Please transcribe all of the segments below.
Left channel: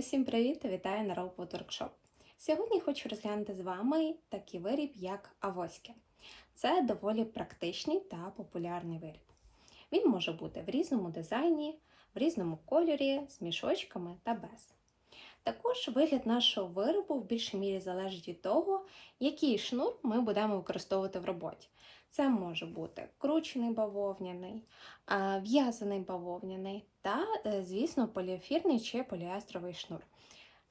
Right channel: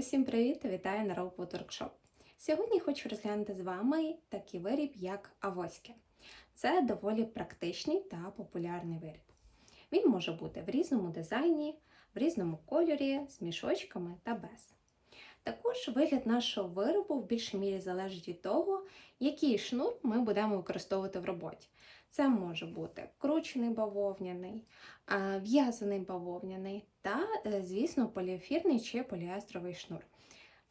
Усім привіт та вітаю на Raw Food Workshop. Сьогодні хочу розглянути з вами такий виріб, як авоськи. Це доволі практичний та популярний виріб. Він може бути в різному дизайні, в різному кольорі, з мішочками та без. Також вигляд нашого виробу в більшій мірі залежить від того, який шнур ми будемо використовувати в роботі. Це може бути кручений бавовняний, в'язаний бавовняний та, звісно, поліефірний чи поліестровий шнур.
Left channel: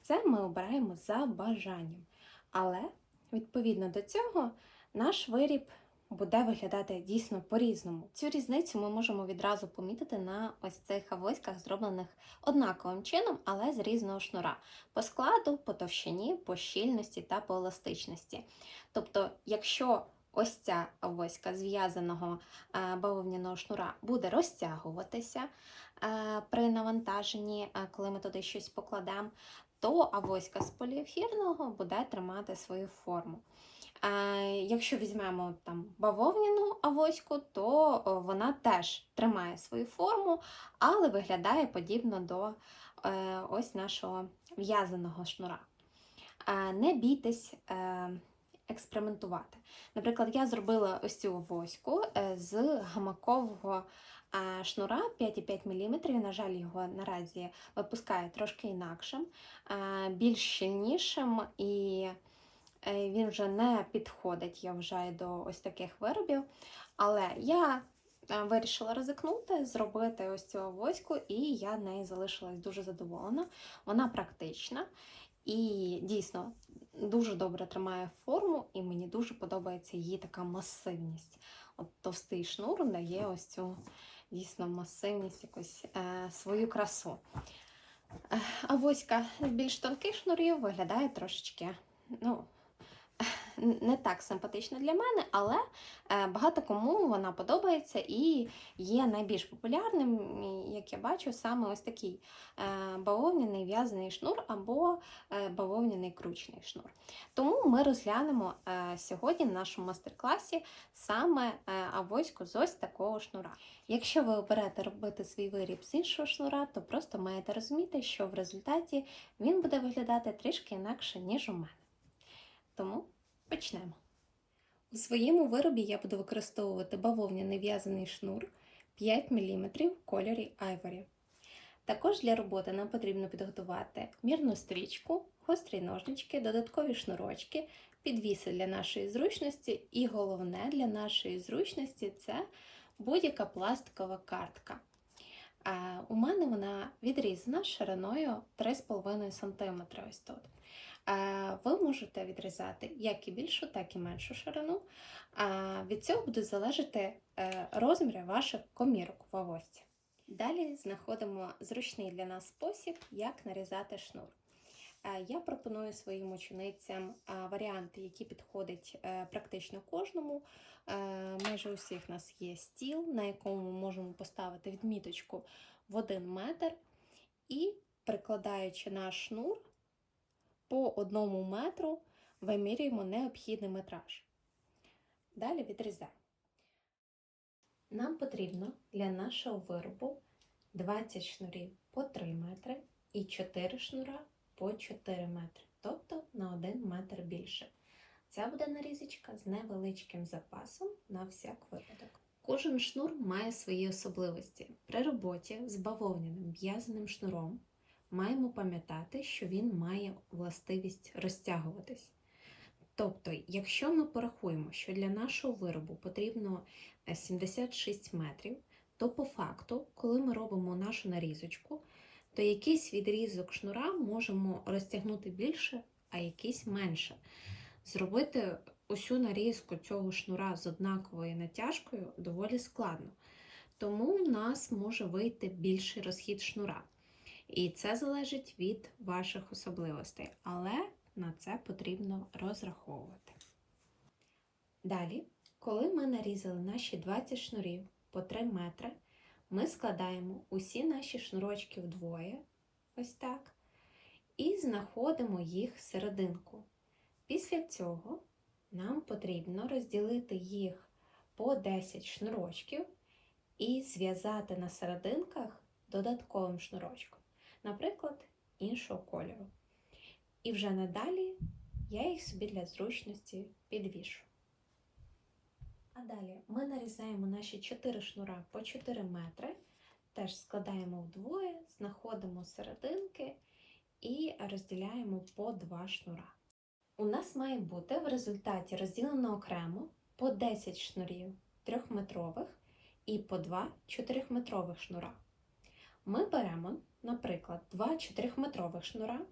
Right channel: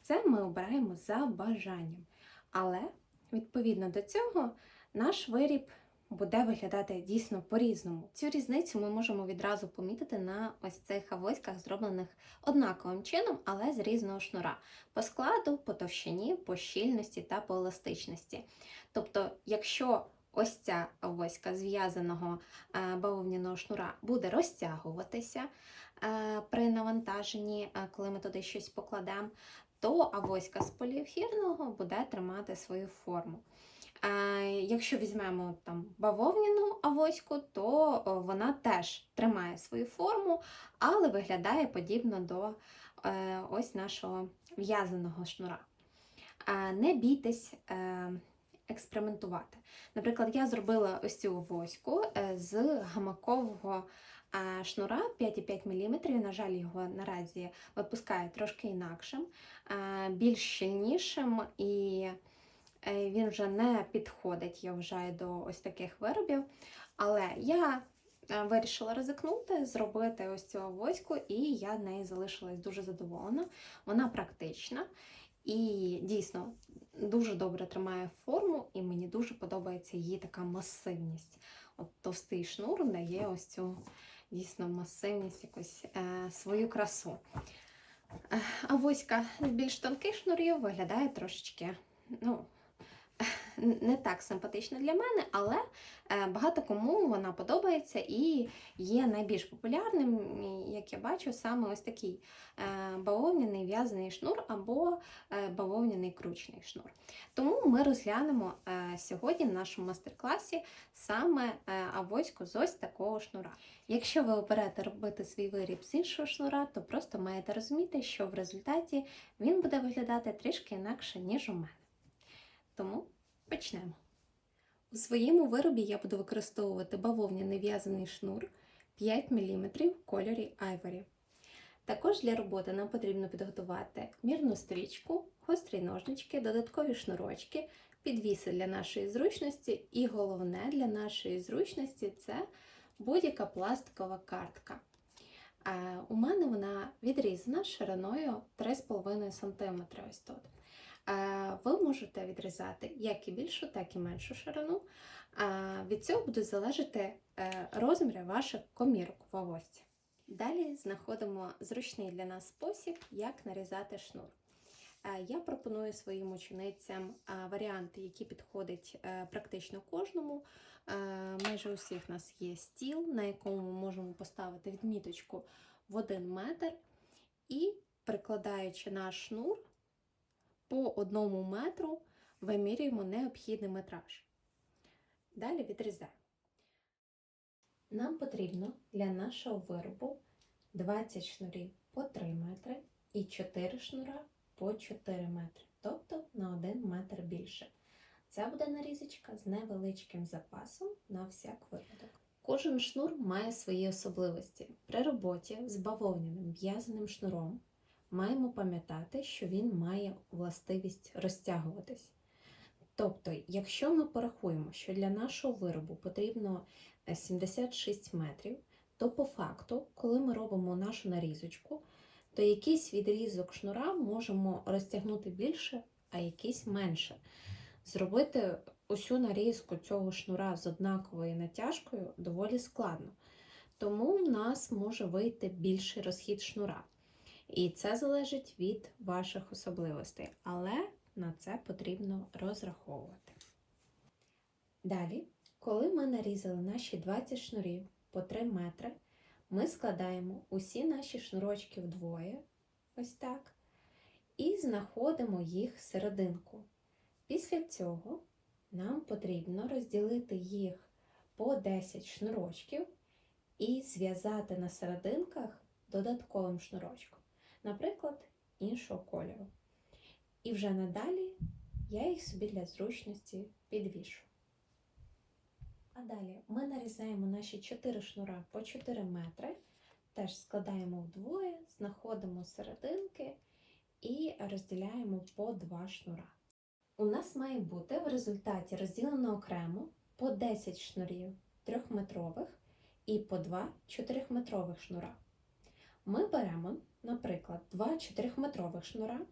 Це ми обираємо за бажанням. Але, відповідно до цього, наш виріб буде виглядати дійсно по-різному. Цю різницю ми можемо відразу помітити на ось цих авоськах, зроблених однаковим чином, але з різного шнура. По складу, по товщині, по щільності та по еластичності. Тобто, якщо ось ця авоська з в'язаного бавовняного шнура буде розтягуватися при навантаженні, коли ми туди щось покладемо, то авоська з поліефірного буде тримати свою форму. Якщо візьмемо там бавовняну авоську, то вона теж тримає свою форму, але виглядає подібно до ось нашого в'язаного шнура. Не бійтесь експериментувати. Наприклад, я зробила ось цю авоську з гамакового шнура 5,5 мм, на жаль, його наразі випускає трошки інакшим, більш щільнішим, і він вже не підходить, я вважаю, до ось таких виробів. Але я вирішила ризикнути, зробити ось цю авоську, і я нею залишилась дуже задоволена. Вона практична і дійсно дуже добре тримає форму, і мені дуже подобається її така масивність. От товстий шнур дає ось цю дійсно масивність, якусь свою красу. Авоська з більш тонких шнурів виглядає трошечки, не так симпатично для мене, але багато кому вона подобається і є найбільш популярним, як я бачу, саме ось такий бавовняний в'язаний шнур або бавовняний кручений шнур. Тому ми розглянемо сьогодні в нашому мастер-класі саме авоську з ось такого шнура. Якщо ви оберете робити свій виріб з іншого шнура, то просто маєте розуміти, що в результаті він буде виглядати трішки інакше, ніж у мене. Тому почнемо. У своєму виробі я буду використовувати бавовняний в'язаний шнур 5 мм в кольорі Ivory. Також для роботи нам потрібно підготувати мірну стрічку, гострі ножнички, додаткові шнурочки, підвіси для нашої зручності і головне для нашої зручності – це будь-яка пластикова картка. У мене вона відрізана шириною 3,5 см. Ось тут. Ви можете відрізати як і більшу, так і меншу ширину. Від цього будуть залежати розміри ваших комірок в авоські. Далі знаходимо зручний для нас спосіб, як нарізати шнур. Я пропоную своїм ученицям варіанти, які підходять практично кожному. Майже у всіх у нас є стіл, на якому ми можемо поставити відміточку в 1 метр і, прикладаючи наш шнур, по 1 метру вимірюємо необхідний метраж. Далі відрізаємо. Нам потрібно для нашого виробу 20 шнурів по 3 метри і 4 шнура по 4 метри, тобто на 1 метр більше. Це буде нарізочка з невеличким запасом на всяк випадок. Кожен шнур має свої особливості. При роботі з бавовняним в'язаним шнуром маємо пам'ятати, що він має властивість розтягуватись. Тобто, якщо ми порахуємо, що для нашого виробу потрібно 76 метрів, то по факту, коли ми робимо нашу нарізочку, то якийсь відрізок шнура можемо розтягнути більше, а якийсь менше. Зробити усю нарізку цього шнура з однаковою натяжкою доволі складно. Тому в нас може вийти більший розхід шнура. І це залежить від ваших особливостей, але на це потрібно розраховувати. Далі, коли ми нарізали наші 20 шнурів по 3 метри, ми складаємо усі наші шнурочки вдвоє, ось так, і знаходимо їх в серединку. Після цього нам потрібно розділити їх по 10 шнурочків і зв'язати на серединках додатковим шнурочком. Наприклад, іншого кольору. І вже надалі я їх собі для зручності підвішу. А далі ми нарізаємо наші 4 шнура по 4 метри, теж складаємо вдвоє, знаходимо серединки і розділяємо по 2 шнура. У нас має бути в результаті розділено окремо по 10 шнурів 3-метрових і по 2 4-метрових шнура. Ми беремо, наприклад, 2 4-метрових шнура,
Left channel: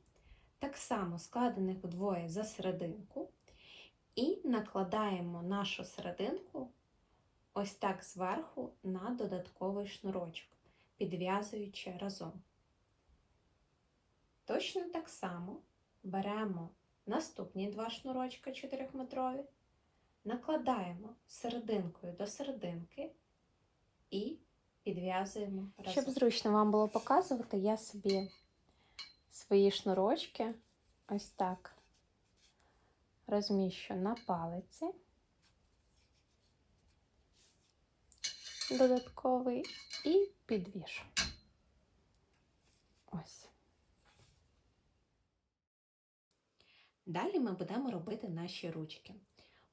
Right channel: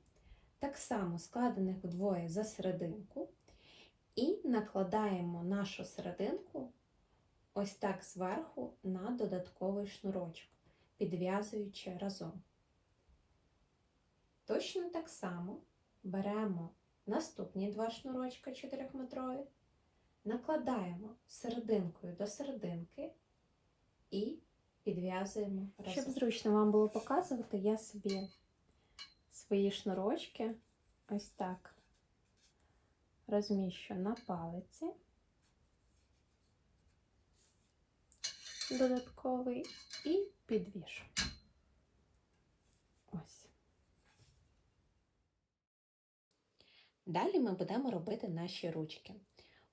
так само складених вдвоє за серединку, і накладаємо нашу серединку ось так зверху на додатковий шнурочок, підв'язуючи разом. Точно так само беремо наступні 2 шнурочка 4-метрові, накладаємо серединкою до серединки і підв'язуємо разом. Щоб зручно вам було показувати, я собі свої шнурочки ось так розміщу на палиці додатковий і підвішу. Ось. Далі ми будемо робити наші ручки.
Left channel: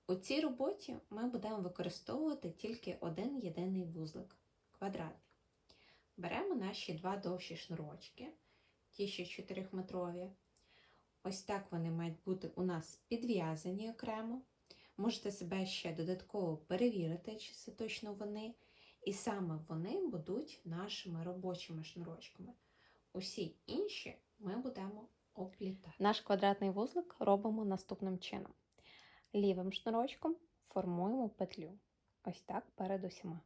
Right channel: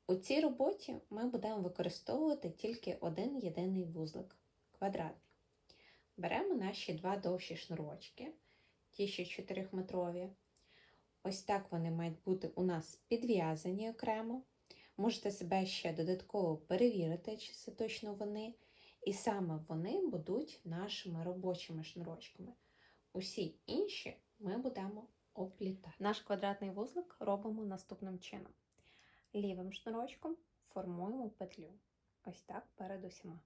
У цій роботі ми будемо використовувати тільки один єдиний вузлик – квадратний. Беремо наші 2 довші шнурочки, ті, що 4-метрові. Ось так вони мають бути у нас підв'язані окремо. Можете себе ще додатково перевірити, чи це точно вони. І саме вони будуть нашими робочими шнурочками. Усі інші ми будемо оплітати. Наш квадратний вузлик робимо наступним чином. Лівим шнурочком формуємо петлю. Ось так перед усіма.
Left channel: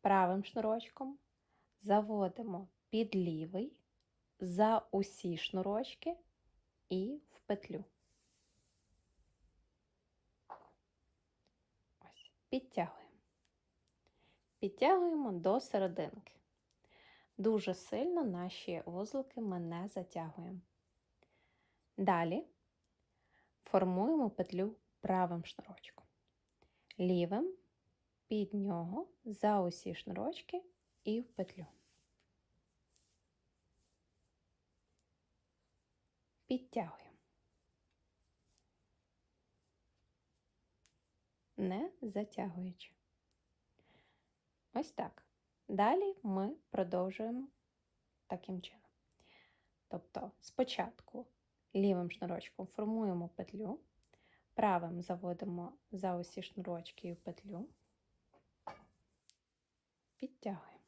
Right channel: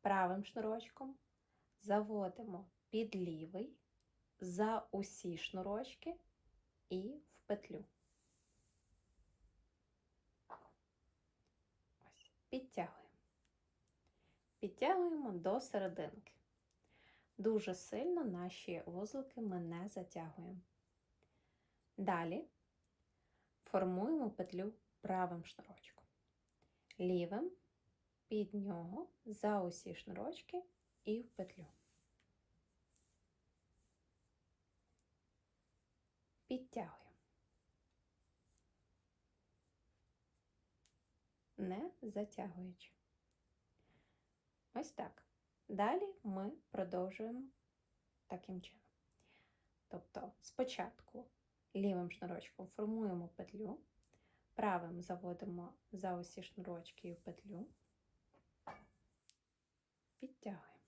Правим шнурочком заводимо під лівий, за усі шнурочки і в петлю. Ось, підтягуємо. Підтягуємо до серединки. Дуже сильно наші вузлики ми не затягуємо. Далі формуємо петлю правим шнурочком. Лівим під нього за усі шнурочки і в петлю. Підтягуємо. Не затягуючи. Ось так. Далі ми продовжуємо таким чином. Тобто спочатку лівим шнурочком формуємо петлю, правим заводимо за усі шнурочки і в петлю, підтягуємо.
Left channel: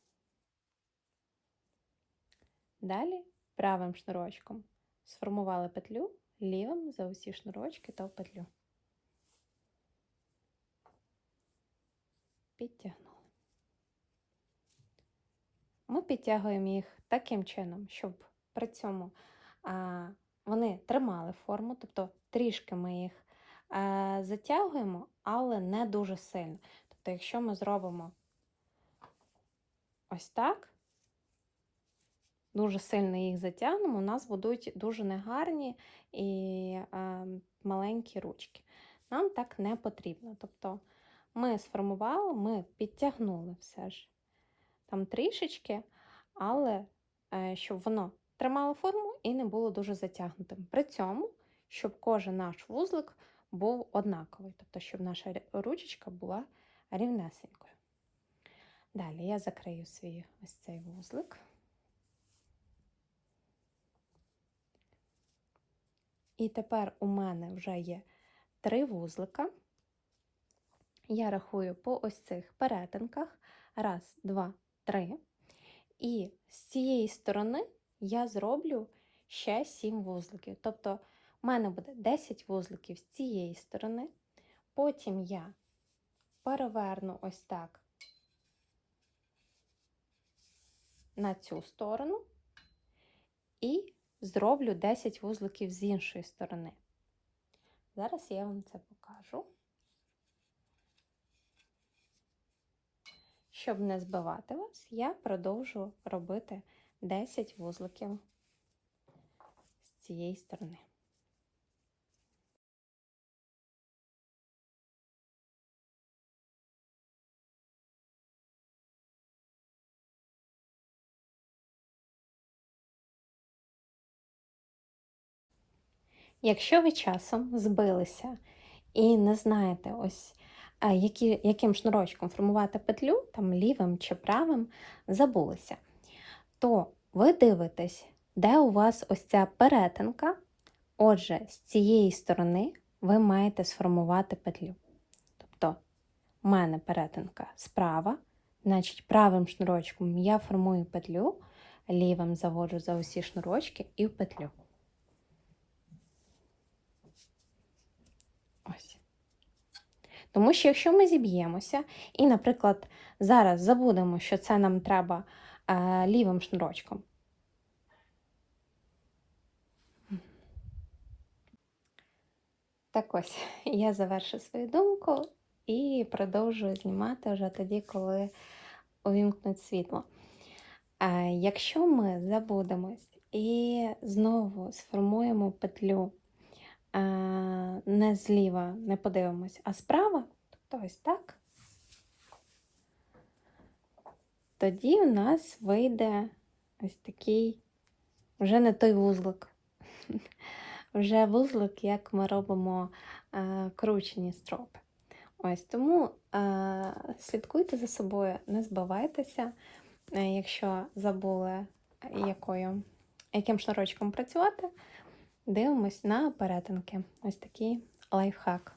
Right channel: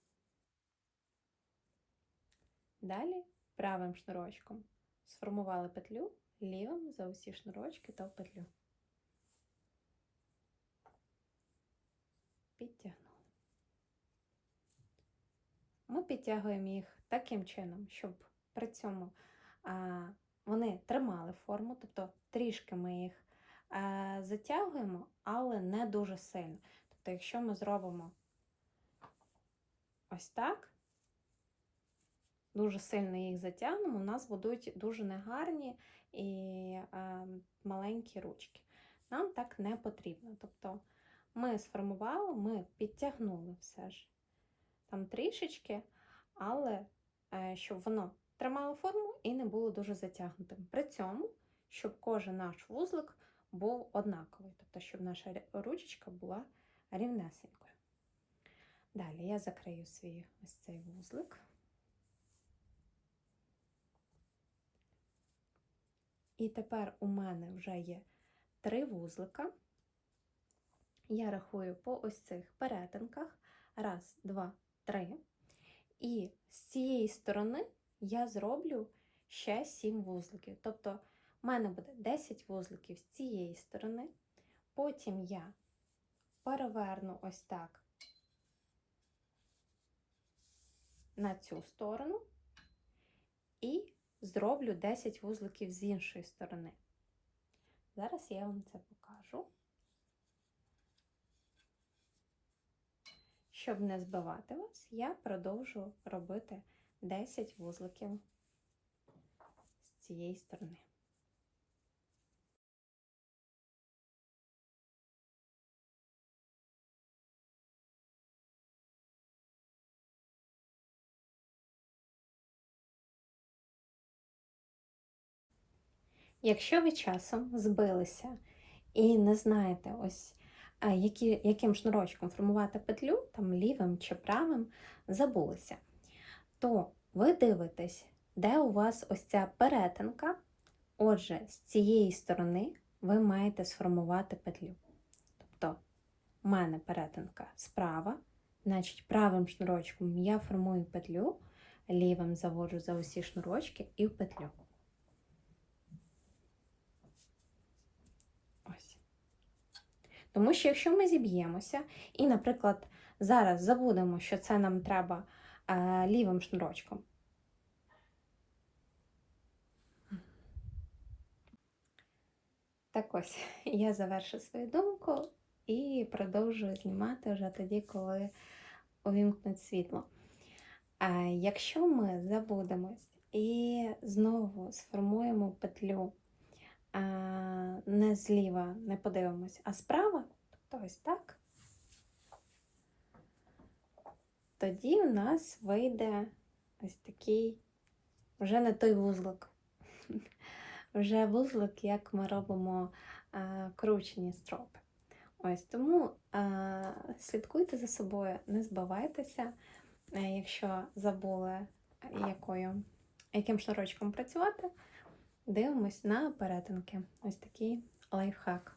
Далі правим шнурочком сформували петлю, лівим за усі шнурочки та в петлю. Підтягнули. Ми підтягуємо їх таким чином, щоб при цьому вони тримали форму, тобто трішки ми їх затягуємо, але не дуже сильно. Тобто, якщо ми зробимо ось так, дуже сильно їх затягнемо, у нас будуть дуже негарні і маленькі ручки. Нам так не потрібно. Тобто ми сформували, ми підтягнули все ж там трішечки, але щоб воно тримало форму і не було дуже затягнутим. При цьому, щоб кожен наш вузлик був однаковий, тобто щоб наша ручечка була рівнесенькою. Далі я закрию свій ось цей вузлик. І тепер у мене вже є 3 вузлика. Я рахую по ось цих перетинках. 1, 2, 3. І з цієї сторони я зроблю ще 7 вузликів. Тобто у мене буде 10 вузликів з цієї сторони. Потім я переверну ось так на цю сторону і зроблю 10 вузликів з іншої сторони. Зараз я вам це покажу. Щоб не збивати вас, я продовжу робити 10 вузликів з цієї сторони. Якщо ви часом збилися і не знаєте, ось яким шнурочком формувати петлю, там лівим чи правим, забулися, то ви дивитесь, де у вас ось ця перетинка. Отже, з цієї сторони ви маєте сформувати петлю. Тобто, у мене перетинка справа, значить правим шнурочком я формую петлю, лівим заводжу за усі шнурочки і в петлю. Ось. Тому що якщо ми зіб'ємося і, наприклад, зараз забудемо, що це нам треба лівим шнурочком. Так ось, я завершу свою думку і продовжую знімати вже тоді, коли увімкнуть світло. Якщо ми забудемось і знову сформуємо петлю не зліва, не подивимось, а справа, тобто ось так, тоді у нас вийде ось такий вже не той вузлик. Вже вузлик, як ми робимо кручені стропи. Ось тому слідкуйте за собою, не збивайтеся, якщо забули, яким шнурочком працювати, дивимось на перетинки. Ось такий лайфхак.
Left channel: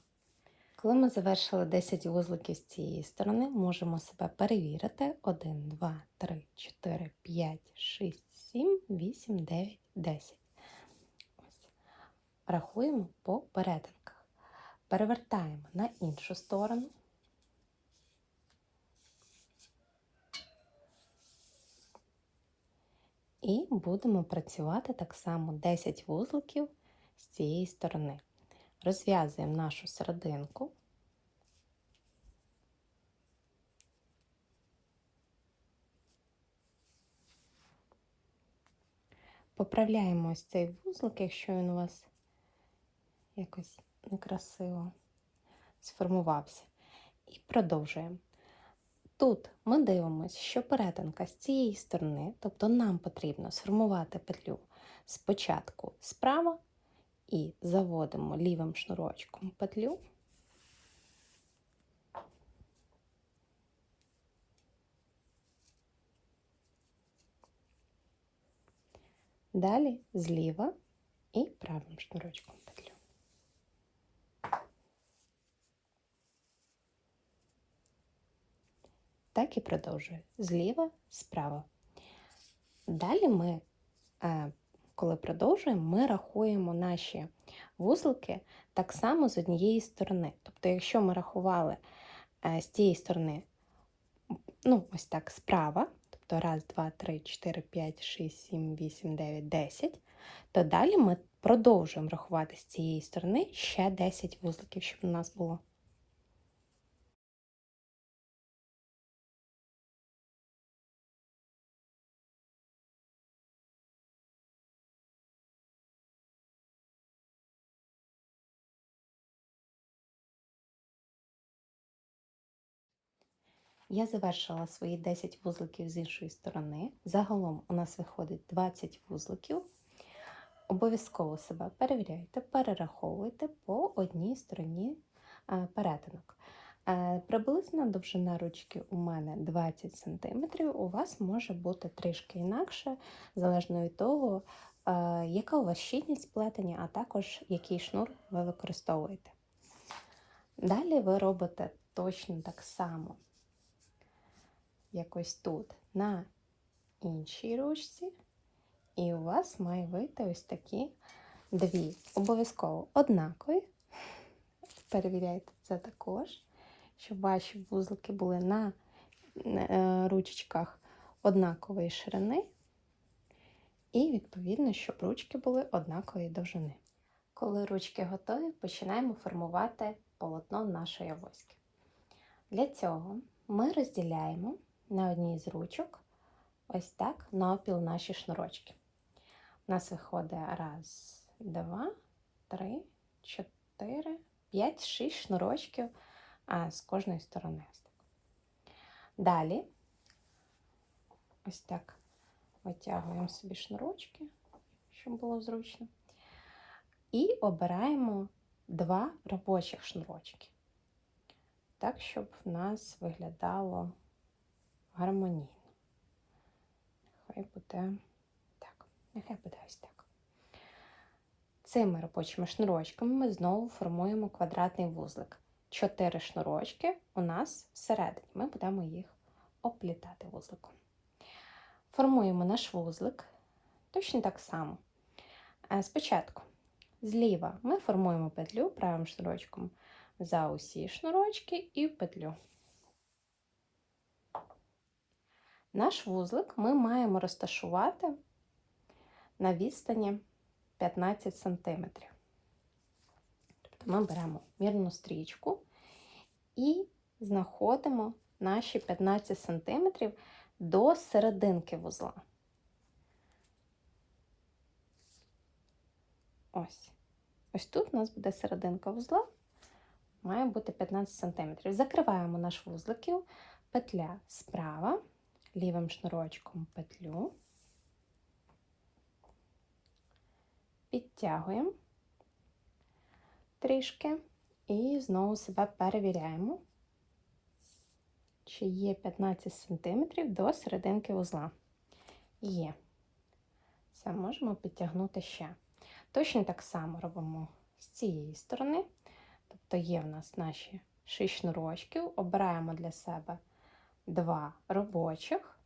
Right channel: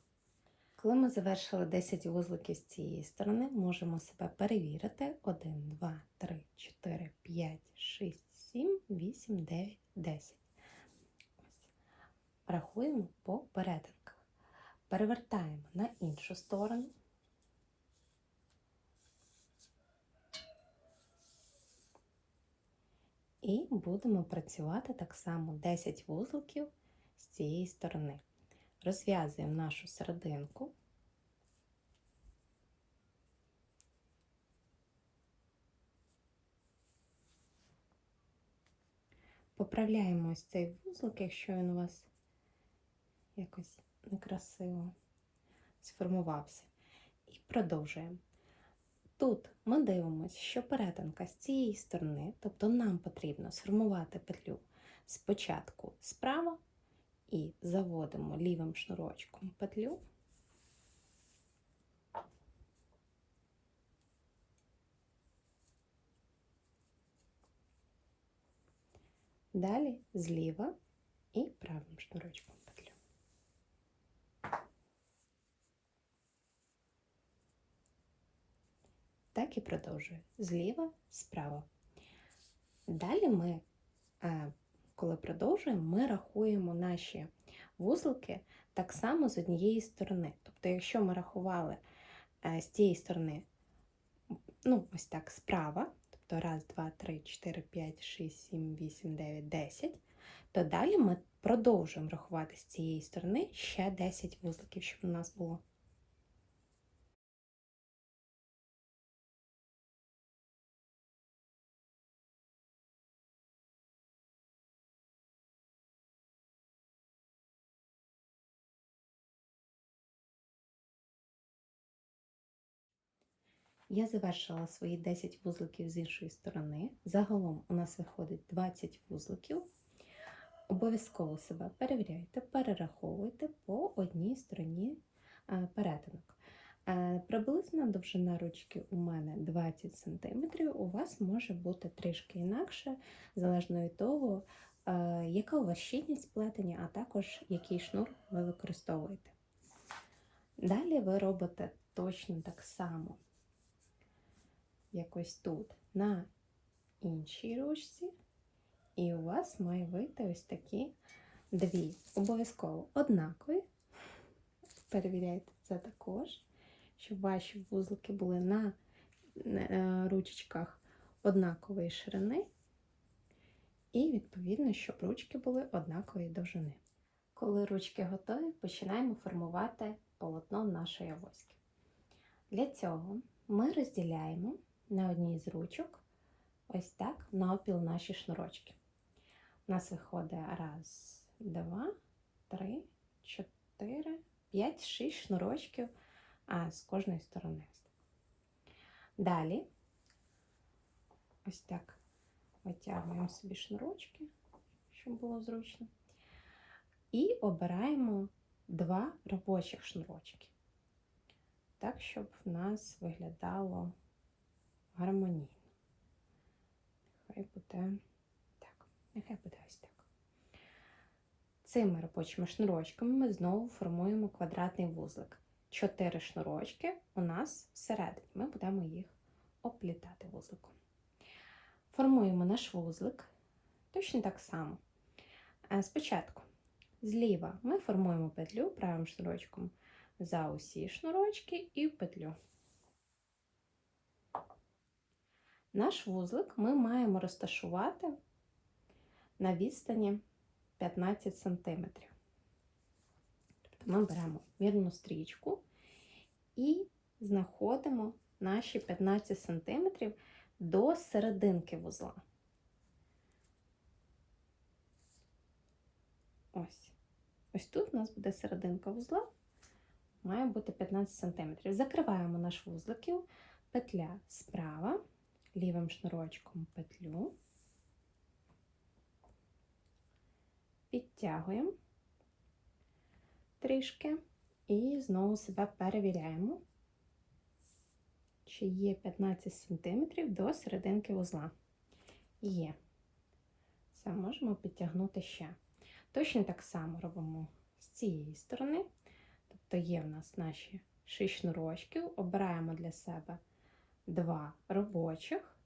Коли ми завершили 10 вузликів з цієї сторони, можемо себе перевірити. 1, 2, 3, 4, 5, 6, 7, 8, 9, 10. Рахуємо по перетинках. Перевертаємо на іншу сторону. І будемо працювати так само 10 вузликів з цієї сторони. Розв'язуємо нашу серединку. Поправляємо ось цей вузлик, якщо він у вас якось некрасиво сформувався. І продовжуємо. Тут ми дивимося, що перетинка з цієї сторони, тобто нам потрібно сформувати петлю спочатку справа і заводимо лівим шнурочком петлю. Далі зліва і правим шнурочком петлю. Так і продовжую. Зліва, справа. Далі ми, коли продовжуємо, ми рахуємо наші вузлики так само з однієї сторони. Тобто, якщо ми рахували з цієї сторони, ось так, справа, тобто 1, 2, 3, 4, 5, 6, 7, 8, 9, 10, то далі ми продовжуємо рахувати з цієї сторони ще 10 вузликів, щоб у нас було. Я завершила свої 10 вузликів з іншої сторони. Загалом у нас виходить 20 вузликів. Обов'язково себе перевіряйте, перераховуйте по одній стороні перетинок. Приблизно довжина ручки у мене 20 см, у вас може бути трішки інакше, залежно від того, яка у вас щільність плетення, а також який шнур ви використовуєте. Далі ви робите точно так само, як ось тут, на іншій ручці. І у вас має вийти ось такі дві. Обов'язково однакові. Перевіряйте це також, щоб ваші вузлики були на ручечках однакової ширини. І, відповідно, щоб ручки були однакової довжини. Коли ручки готові, починаємо формувати полотно нашої авоськи. Для цього ми розділяємо на одній з ручок ось так навпіл наші шнурочки. У нас виходить 1, 2, 3, 4, 5, 6 шнурочків з кожної сторони. Далі ось так витягуємо собі шнурочки, щоб було зручно. і обираємо 2 робочих шнурочки. Так, щоб в нас виглядало гармонійно. Нехай буде ось так. Цими робочими шнурочками ми знову формуємо квадратний вузлик. 4 шнурочки у нас всередині. Ми будемо їх оплітати вузликом. Формуємо наш вузлик точно так само. Спочатку зліва ми формуємо петлю правим шнурочком за усі шнурочки і в петлю. Наш вузлик ми маємо розташувати на відстані 15 см. Тобто ми беремо мірну стрічку і знаходимо наші 15 см до серединки вузла. Ось тут у нас буде серединка вузла, має бути 15 см. Закриваємо наш вузлик, петля справа, лівим шнурочком петлю, підтягуємо трішки і знову себе перевіряємо, чи є 15 см до серединки вузла. Є. Все, можемо підтягнути ще. Точно так само робимо з цієї сторони. Тобто є в нас наші 6 шнурочків, обираємо для себе 2 робочих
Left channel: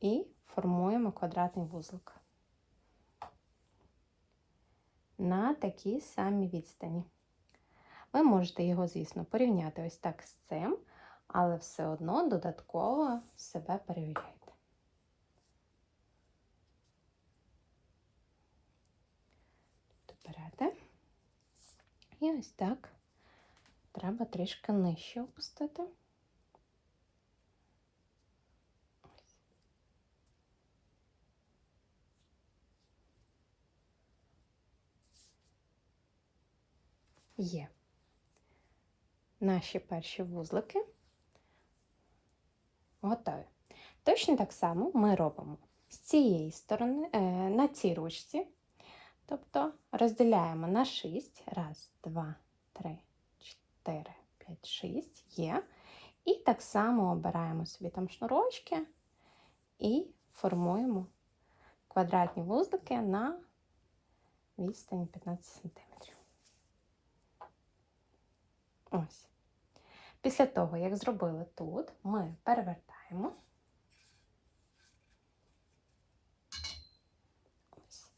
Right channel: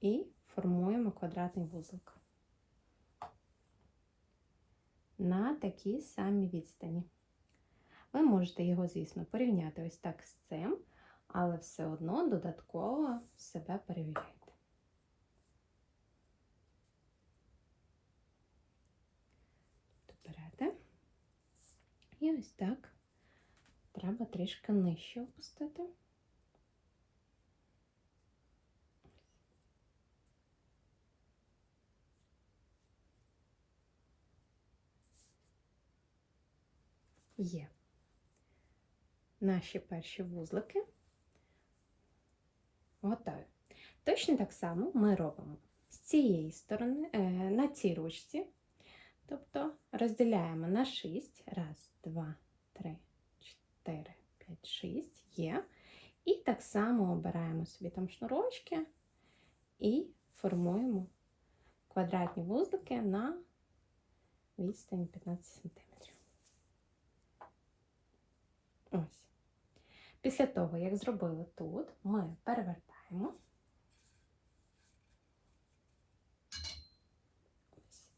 і формуємо квадратний вузлик. На такій самій відстані. Ви можете його, звісно, порівняти ось так з цим, але все одно додатково себе перевіряйте. Берете. І ось так треба трішки нижче опустити. Є. Наші перші вузлики готові. Точно так само ми робимо з цієї сторони, на цій ручці, тобто розділяємо на 6, 1, 2, 3, 4, 5, 6, є. І так само обираємо собі там шнурочки і формуємо квадратні вузлики на відстані 15 см. Ось. Після того, як зробили тут, ми перевертаємо. Ось.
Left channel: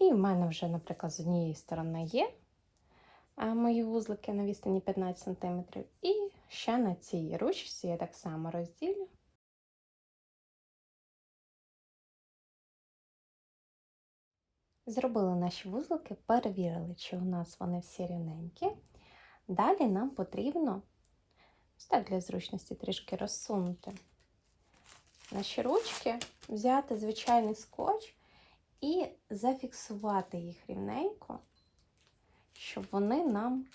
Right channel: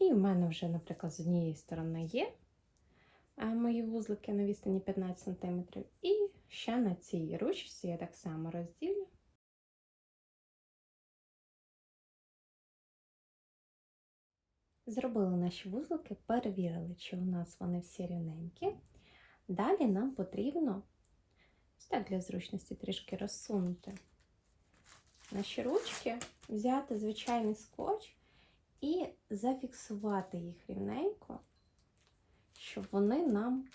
І в мене вже, наприклад, з однієї сторони є мої вузлики на відстані 15 см. І ще на цій ручці я так само розділю. Зробили наші вузлики, перевірили, чи у нас вони всі рівненькі. Далі нам потрібно, ось так для зручності, трішки розсунути наші ручки, взяти звичайний скотч і зафіксувати їх рівненько, щоб вони нам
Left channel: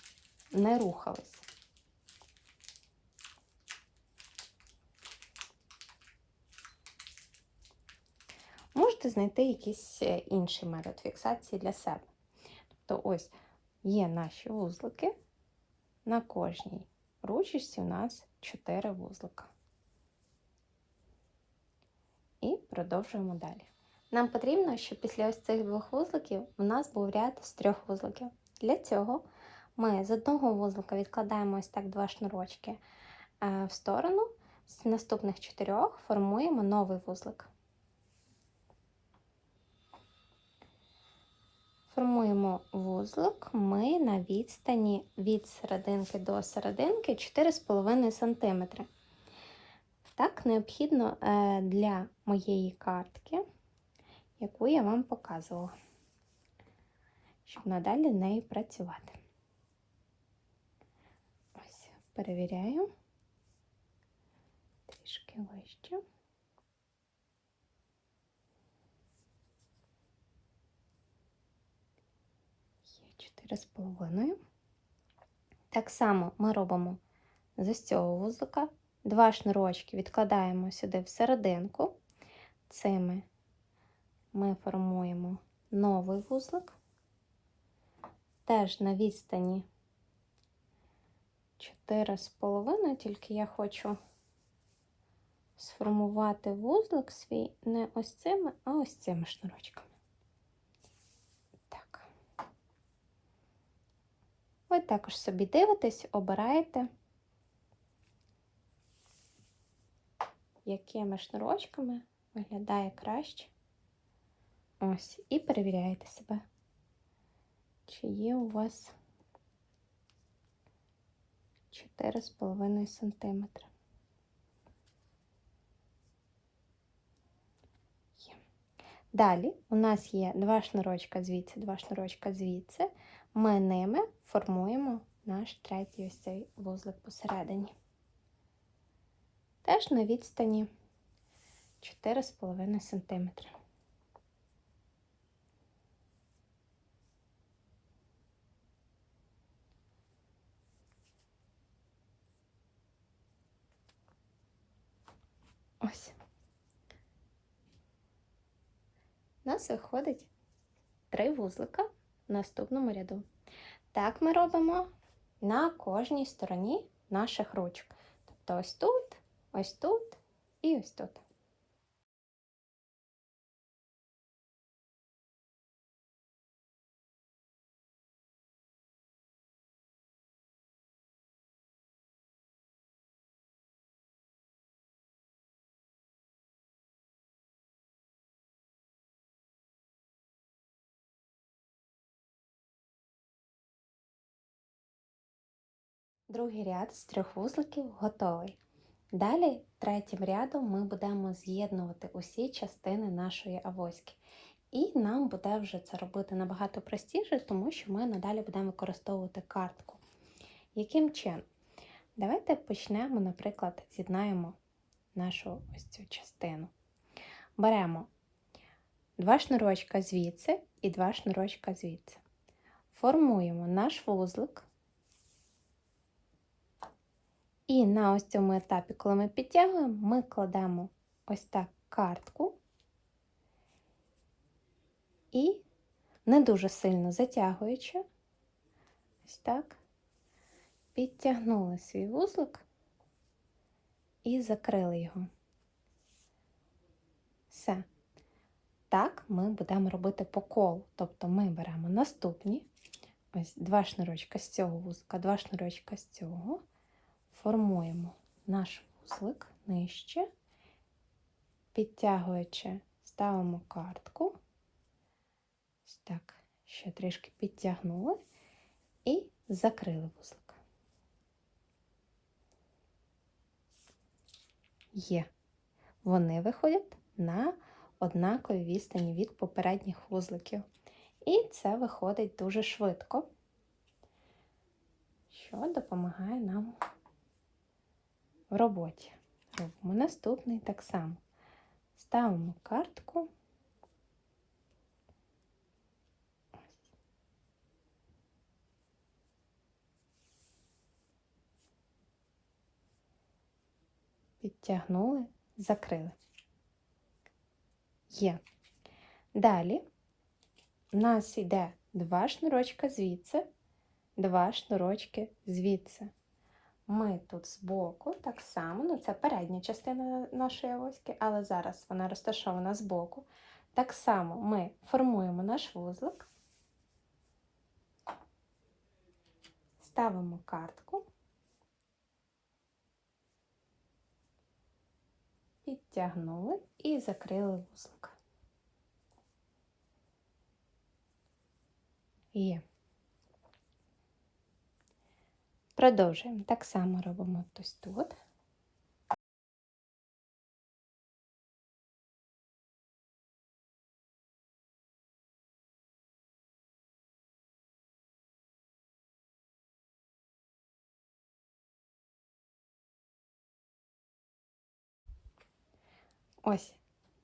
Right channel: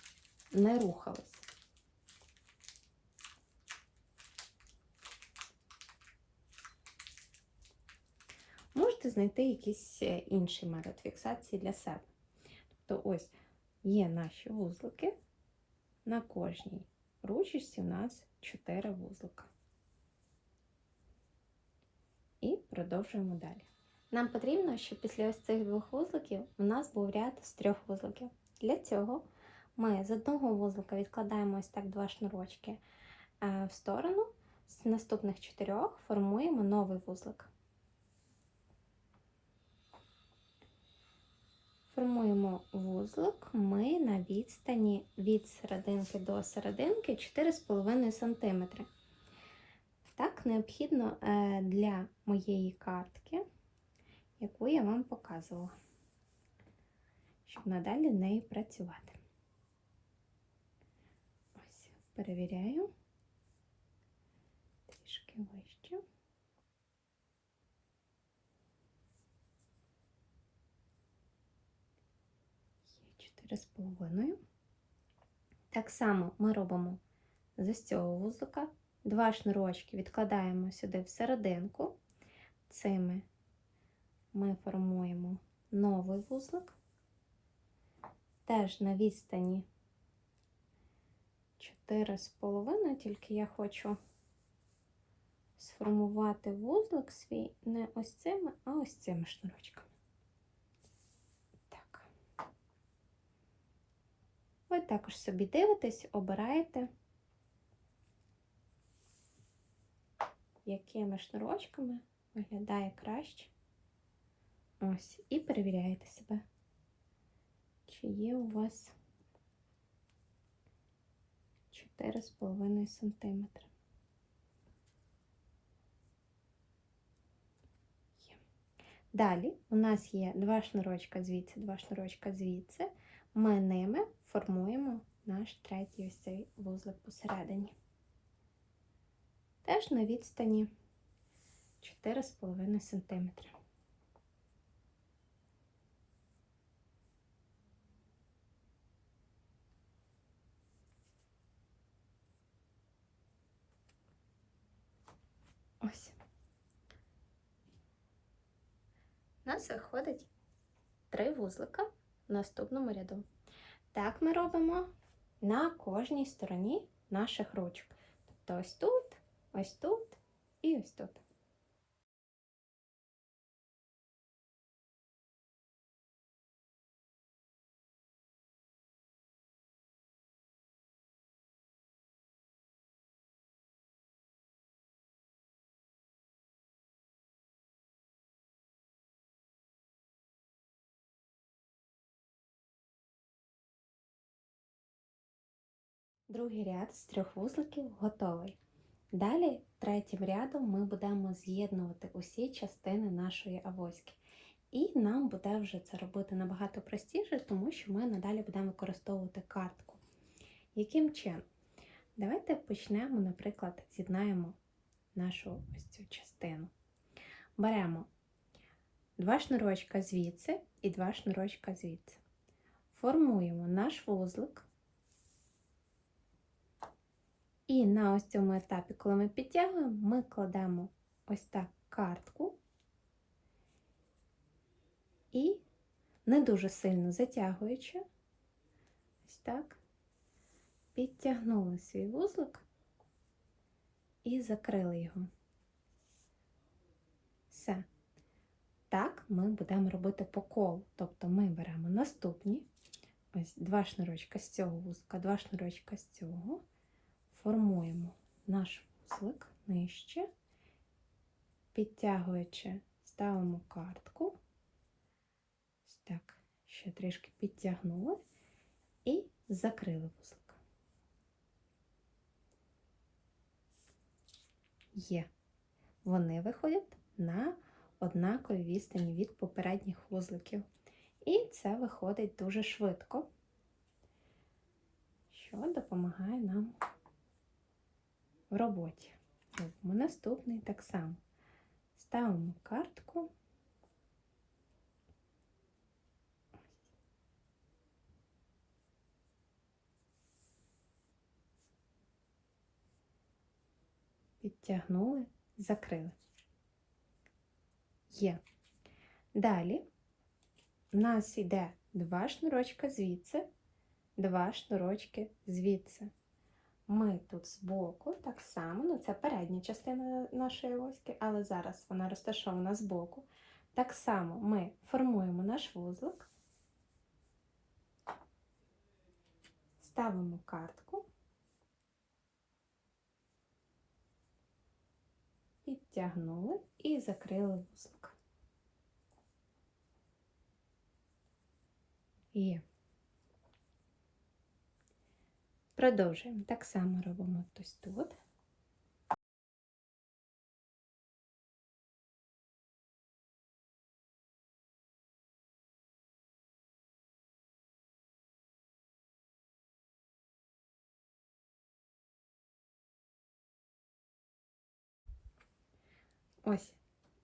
не рухались. Можете знайти якийсь інший метод фіксації для себе. Тобто ось є наші вузлики, на кожній ручці у нас 4 вузлика. І продовжуємо далі. Нам потрібно, щоб після ось цих 2 вузликів у нас був ряд з 3 вузликів. Для цього ми з одного вузлика відкладаємо ось так 2 шнурочки в сторону, з наступних 4 формуємо новий вузлик. Формуємо вузлик ми на відстані від серединки до серединки 4,5 см. Так необхідно для моєї картки, яку я вам показувала, щоб надалі нею працювати. Ось, перевіряю. Трішки вище. Є 4,5. Так само ми робимо з ось цього вузлика 2 шнурочки відкладаємо сюди в серединку. Цими ми формуємо новий вузлик. теж на відстані 4,5, тільки я хочу сформувати вузлик свій не ось цими, а ось цими шнурочками. Так. Ви також собі дивитесь, обираєте, якими шнурочками виглядає краще. Ось, і перевіряєте себе, чи є у вас 4,5 см. Далі у нас є 2 шнурочка звідси, 2 шнурочка звідси. Ми ними формуємо наш третій ось цей вузлик посередині. Теж на відстані 4,5 см. Ось. У нас виходить 3 вузлика в наступному ряду. Так ми робимо на кожній стороні наших ручок. Тобто ось тут і ось тут. Другий ряд з 3 вузликів готовий. Далі третім рядом ми будемо з'єднувати усі частини нашої авоськи. І нам буде вже це робити набагато простіше, тому що ми надалі будемо використовувати картку. Яким чином? Давайте почнемо, наприклад, з'єднаємо нашу ось цю частину. Беремо 2 шнурочка звідси і 2 шнурочка звідси. Формуємо наш вузлик. І на ось цьому етапі, коли ми підтягуємо, ми кладемо ось так картку і не дуже сильно затягуючи, ось так, підтягнули свій вузлик і закрили його. Все. Так ми будемо робити по колу. Тобто ми беремо наступні, ось 2 шнурочка з цього вузлика, 2 шнурочка з цього, формуємо наш вузлик нижче, підтягуючи, ставимо картку, ось так, ще трішки підтягнули і закрили вузлик. Є. Вони виходять на однаковій відстані від попередніх вузликів. І це виходить дуже швидко, що допомагає нам в роботі. Робимо наступний так само. Ставимо картку. Підтягнули, закрили. Є. Далі у нас йде 2 шнурочка звідси, 2 шнурочки звідси. Ми тут збоку так само, ну це передня частина нашої авоськи, але зараз вона розташована збоку. Так само ми формуємо наш вузлик, ставимо картку, підтягнули і закрили вузлик. Є. Продовжуємо. Так само робимо ось тут. Ось.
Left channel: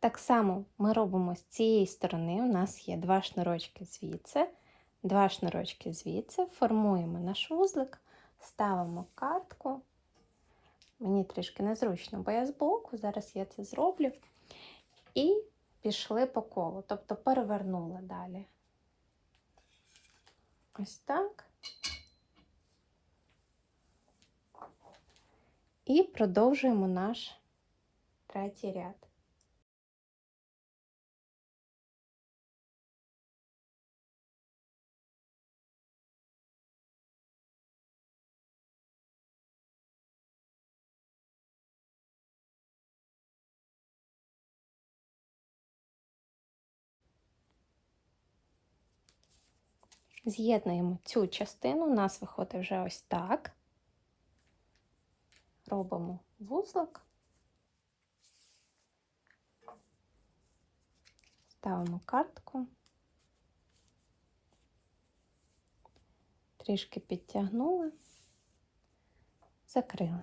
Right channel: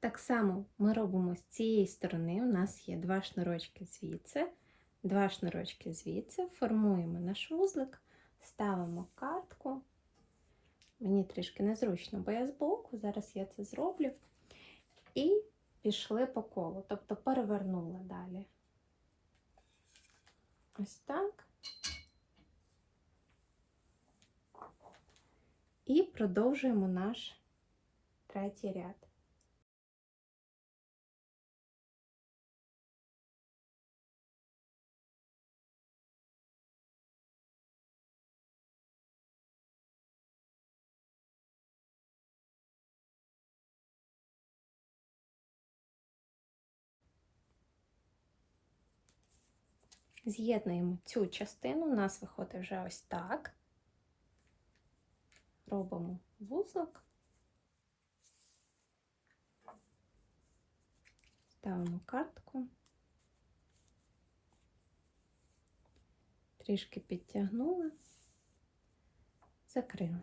Так само ми робимо з цієї сторони. У нас є 2 шнурочки звідси, 2 шнурочки звідси. Формуємо наш вузлик, ставимо картку. Мені трішки незручно, бо я збоку, зараз я це зроблю. І пішли по колу, тобто перевернули далі. Ось так. І продовжуємо наш третій ряд. З'єднуємо цю частину, у нас виходить вже ось так. Робимо вузлик, ставимо картку, трішки підтягнули, закрили.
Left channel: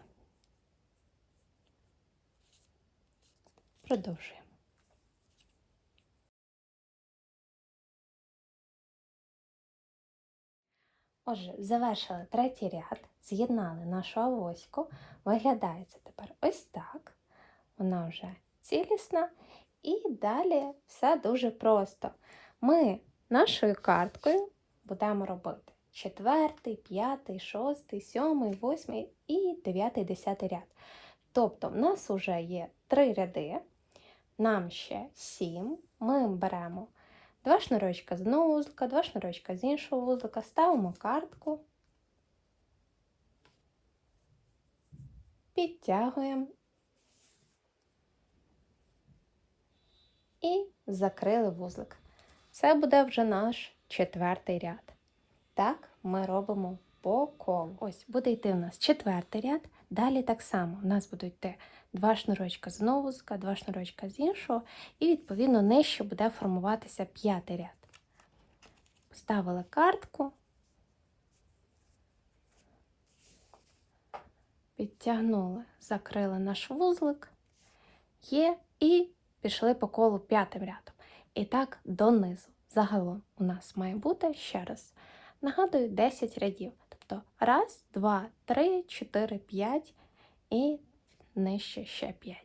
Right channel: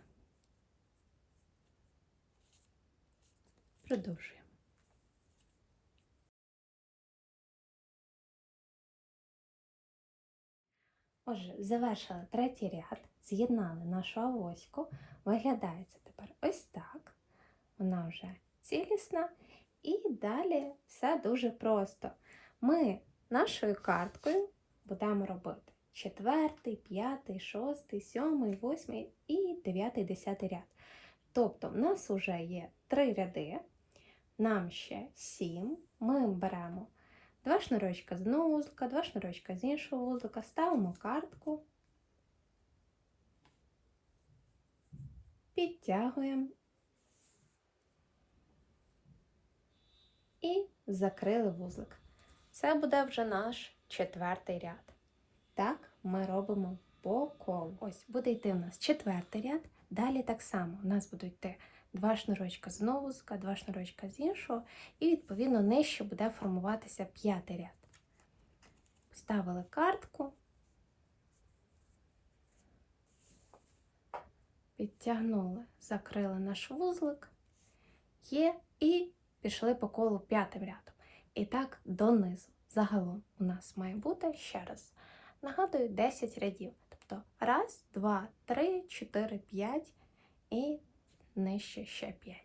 Продовжуємо. Отже, завершили третій ряд, з'єднали нашу авоську. Виглядає це тепер ось так. Вона вже цілісна. І далі все дуже просто. Ми нашою карткою будемо робити 4, 5, 6, 7, 8 і 9, 10 ряд. Тобто в нас вже є 3 ряди, нам ще 7. Ми беремо 2 шнурочка з одного вузлика, 2 шнурочка з іншого вузлика, ставимо картку, підтягуємо і закрили вузлик. Це буде вже наш 4-й ряд. Так ми робимо по колу. Ось буде йти у нас 4-й ряд. Далі так само у нас будуть йти 2 шнурочка з одного вузлика, 2 шнурочка з іншого, і відповідно нижче буде формуватися 5-й ряд. Поставили картку, підтягнули, закрили наш вузлик, є, і пішли по колу 5-м рядом. І так донизу. Загалом у нас має бути, ще раз, нагадую, 10 рядів. Тобто 1, 2, 3, 4, 5 і нижче ще 5.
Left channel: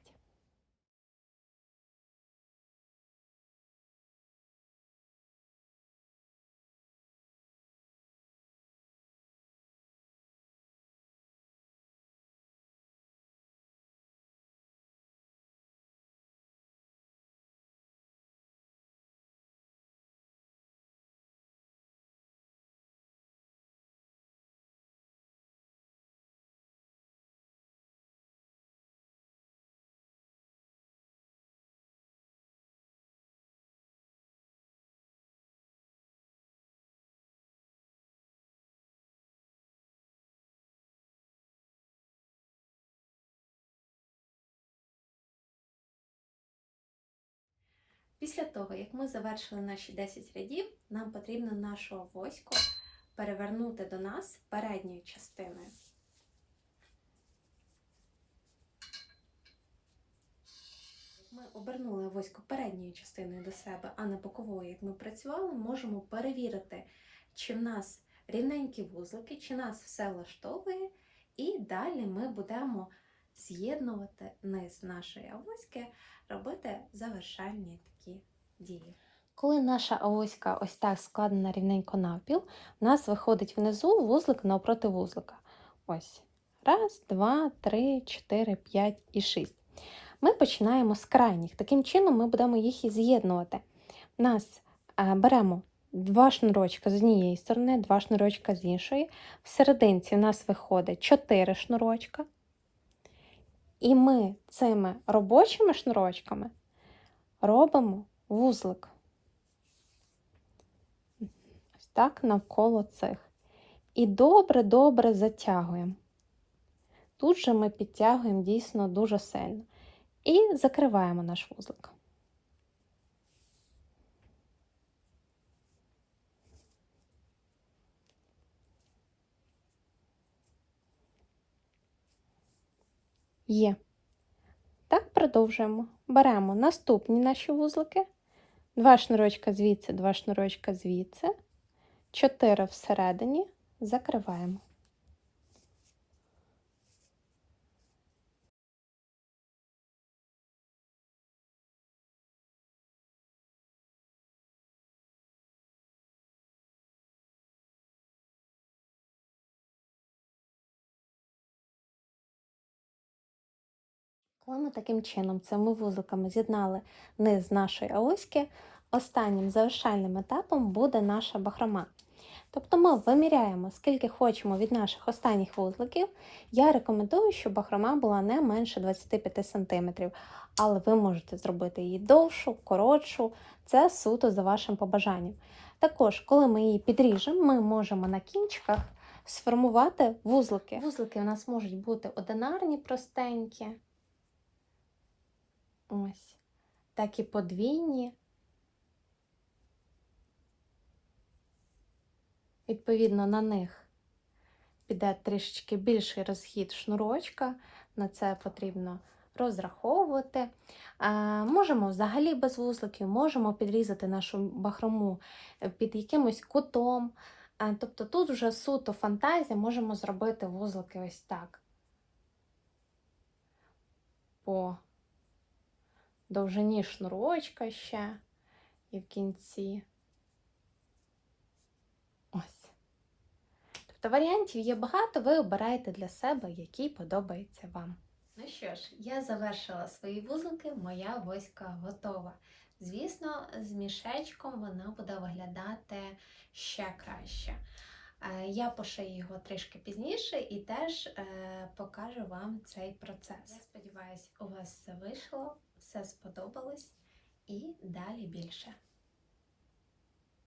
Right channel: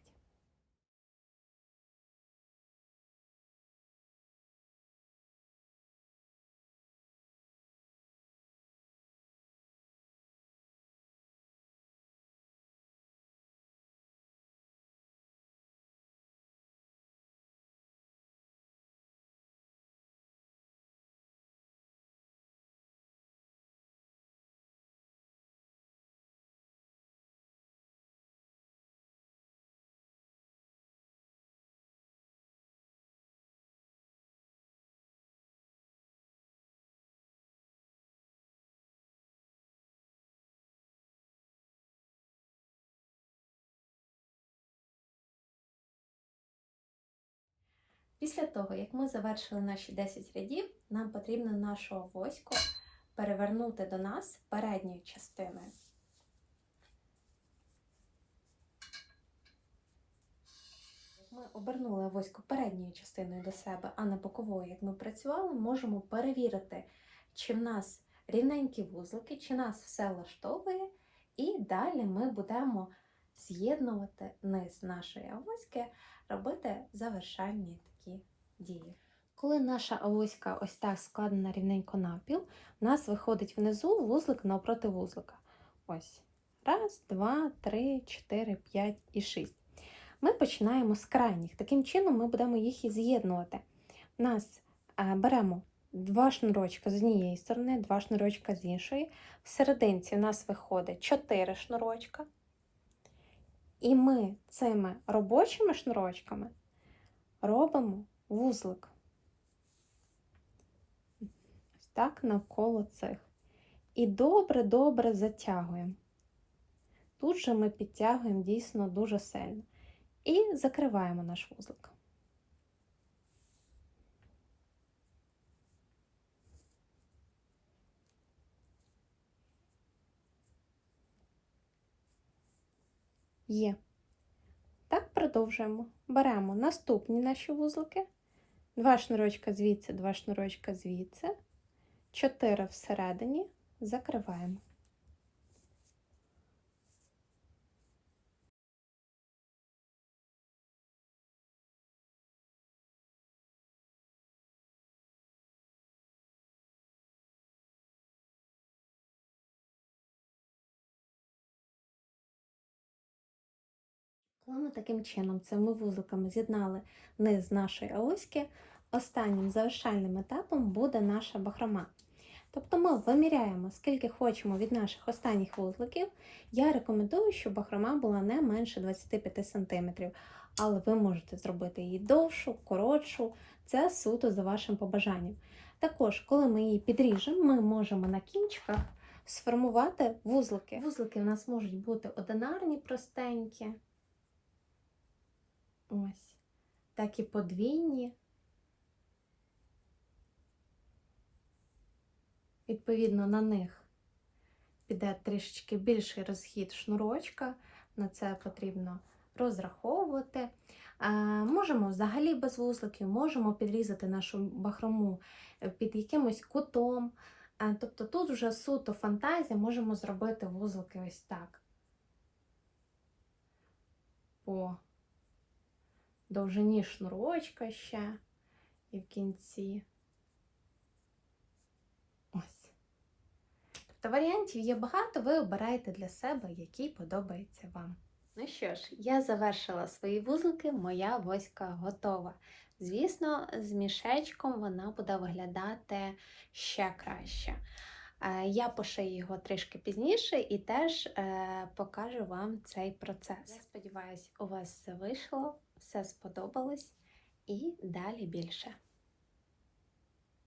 Після того, як ми завершили наші 10 рядів, нам потрібно нашу авоську перевернути до нас передньою частиною. Ми обернули авоську передньою частиною до себе, а не боковою, як ми працювали, можемо перевірити, чи в нас рівненькі вузлики, чи нас все влаштовує, і далі ми будемо з'єднувати низ нашої авоськи, робити завершальні такі дії. Коли наша авоська ось так складена рівненько навпіл, у нас виходить внизу вузлик навпроти вузлика. Ось. 1, 2, 3, 4, 5 і 6. Ми починаємо з крайніх. Таким чином ми будемо їх і з'єднувати. У нас беремо 2 шнурочка з однієї сторони, 2 шнурочка з іншої. В серединці у нас виходить 4 шнурочка. І ми цими робочими шнурочками робимо вузлик. Ось так навколо цих. І добре-добре затягуємо. Тут же ми підтягуємо дійсно дуже сильно. І закриваємо наш вузлик. Є. Так продовжуємо. Беремо наступні наші вузлики. 2 шнурочка звідси, 2 шнурочка звідси. 4 всередині. Закриваємо. Коли ми таким чином цими вузликами з'єднали низ нашої авоськи, останнім завершальним етапом буде наша бахрома. Тобто ми виміряємо, скільки хочемо від наших останніх вузликів. Я рекомендую, щоб бахрома була не менше 25 см, але ви можете зробити її довшу, коротшу, це суто за вашим побажанням. Також, коли ми її підріжемо, ми можемо на кінчиках сформувати вузлики. Вузлики у нас можуть бути одинарні, простенькі, ось, так і подвійні. Відповідно, на них піде трішечки більший розхід шнурочка, на це потрібно розраховувати. Можемо взагалі без вузликів, можемо підрізати нашу бахрому під якимось кутом. Тобто тут вже суто фантазія, можемо зробити вузлики ось так. По довжині шнурочка ще і в кінці. Ось. Тобто варіантів є багато, ви обираєте для себе, який подобається вам. Ну що ж, я завершила свої вузлики, моя авоська готова. Звісно, з мішечком вона буде виглядати ще краще. Я пошию його трішки пізніше і теж покажу вам цей процес. Я сподіваюся, у вас все вийшло, все сподобалось і далі більше.